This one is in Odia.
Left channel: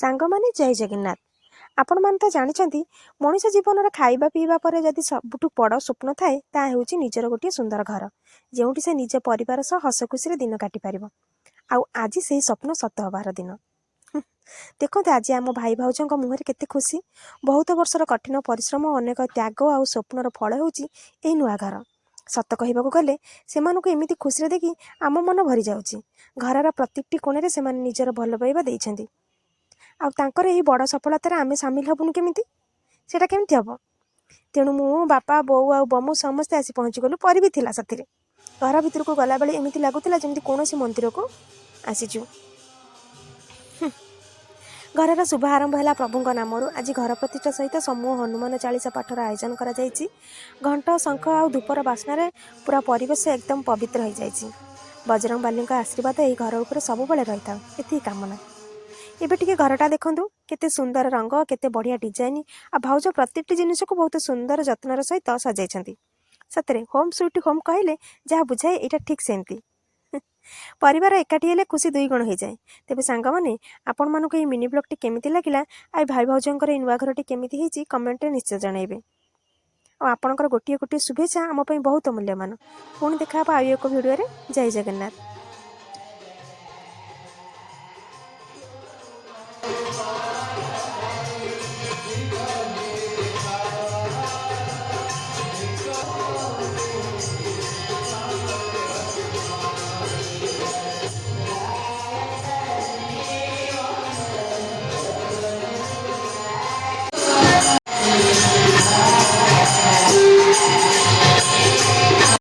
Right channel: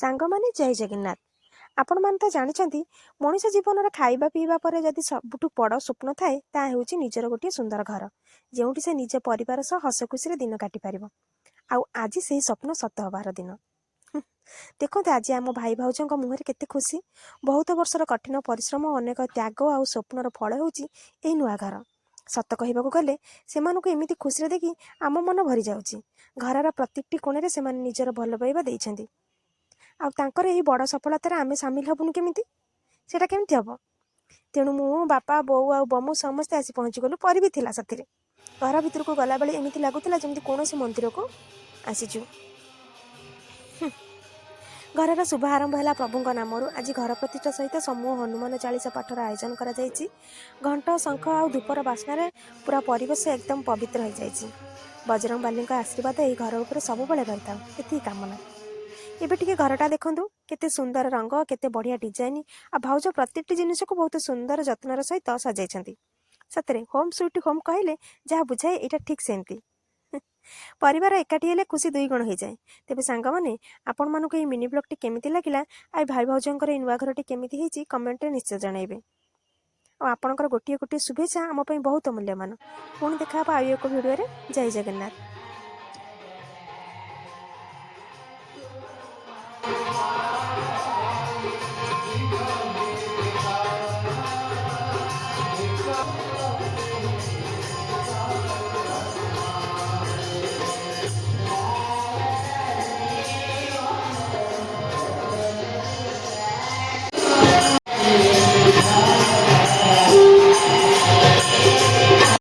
ସାଙ୍ଗମାନେ ଜୟ ଜଗନ୍ନାଥ। ଆପଣମାନେ ତ ଜାଣିଛନ୍ତି ମଣିଷ ଜୀବନରେ ଖାଇବା ପିଇବା ପରେ ଯଦି ସବୁଠୁ ବଡ଼ ସ୍ୱପ୍ନ ଥାଏ ତାହା ହେଉଛି ନିଜର ଗୋଟିଏ ସୁନ୍ଦର ଘର, ଯେଉଁଠି ସେ ନିଜ ପରିବାର ସହ ହସ ଖୁସିରେ ଦିନ କାଟିପାରିବ। ଆଉ ଆଜି ସେହି ସ୍ୱପ୍ନ ସତ ହେବାର ଦିନ। ଦେଖନ୍ତୁ ଆଜି ଆମ ଭାଇ ଭାଉଜଙ୍କ ମୁହଁରେ କେତେ ଖୁସି। ବହୁତ ବର୍ଷର କଠିନ ପରିଶ୍ରମ, ଅନେକ ତ୍ୟାଗ ଆଉ ସ୍ୱପ୍ନର ଫଳ ହେଉଛି ଏହି ନୂଆ ଘର। ସତ କହିବାକୁ ଗଲେ ସେମାନଙ୍କୁ ଏମିତି ଖୁସିରେ ଦେଖି ଆମ ମନ ଭରିଯାଉଛି। ଘରର ପ୍ରତ୍ୟେକଟି କୋଣରେ ସେମାନେ ନିଜର ଭଲ ପାଇବା ଦେଇଛନ୍ତି। ଆଉ ତାଙ୍କର ଏହି ବଡ଼ ସଫଳତାରେ ଆମେ ସାମିଲ ହେବୁନି କେମିତି? ସେଇଟା କେମିତି ହେବ? ତେଣୁ ମୁଁ, ବାପା, ବୋଉ ଆଉ ବମୁ ସମସ୍ତେ ଆସି ପହଞ୍ଚିଗଲୁ। ପରି ବି ଥିଲା ସାଥିରେ। ଘର ଭିତରକୁ ଗଲାବେଳେ ଏମିତି ଲାଗୁଥିଲା ଯେମିତି କୌଣସି ମନ୍ଦିରକୁ ଆସିଛୁ। ଘରର ଶୁଭ ଆରମ୍ଭ ହେଲା ପ୍ରଭୁଙ୍କ ନାମରୁ। ଆଜି ଘର ପ୍ରତିଷ୍ଠା ସହିତ ସମୂହ ହନୁମାନ ଚାଳିଶା ପାଠର ଆୟୋଜନ କରାଯାଇଛି। ଘଣ୍ଟ, ଶଙ୍ଖ ଆଉ ଧୂପର ବାସ୍ନାରେ ପୁରା ପରିବେଶ ଏକଦମ ପବିତ୍ର ହୋଇଯାଇଛି। ବଜରଙ୍ଗବାଲୀଙ୍କ ଆଶୀର୍ବାଦ ଏହି ଘର ଉପରେ ସବୁବେଳେ ରହିଥାଉ, ଏତିକି କାମନା। ଏବେ ଟିକେ ଘରଟା ଦେଖନ୍ତୁ, କେତେ ସୁନ୍ଦର ରଙ୍ଗ, କେତେ ବଢ଼ିଆ ଡିଜାଇନ। ଆଉ ଭାଉଜ ପ୍ରତ୍ୟେକଟି ଜିନିଷକୁ ବହୁତ ସୁନ୍ଦର ଯତ୍ନର ସହିତ ସଜାଇଛନ୍ତି। ସତରେ ହୋମ୍ ସୁଇଟ୍ ହୋମ୍ କହିଲେ ଯାହା ବୁଝାଏ ଏଇଟା ଠିକ୍ ସେମିତି। ପରିବାର ଏକାଠି ହେଲେ ଖୁସି ଦୁଇ ଗୁଣ ହୋଇଯାଏ। ତେବେ ସାଙ୍ଗମାନେ, ଆପଣମାନଙ୍କୁ ଏହି ମିନି ବ୍ଲଗ୍ଟି କେମିତି ଲାଗିଲା, ଆଉ ଭାଇ ଭାଉଜଙ୍କର ଏହି ନୂଆ ଘରଟି କେମିତି ହେଇଛି କମେଣ୍ଟରେ ନିଶ୍ଚୟ ଜଣାଇବେ। ଆଉ ଆପଣଙ୍କର ଗୋଟିଏ ଗୋଟିଏ ଶୁଭେଚ୍ଛା ଆମ ପାଇଁ ବହୁତ ମୂଲ୍ୟବାନ। ପୁଣି ଦେଖା ହେବ ଆଉ ଏକ ଭିଡ଼ିଓରେ। ଜୟ ଜଗନ୍ନାଥ।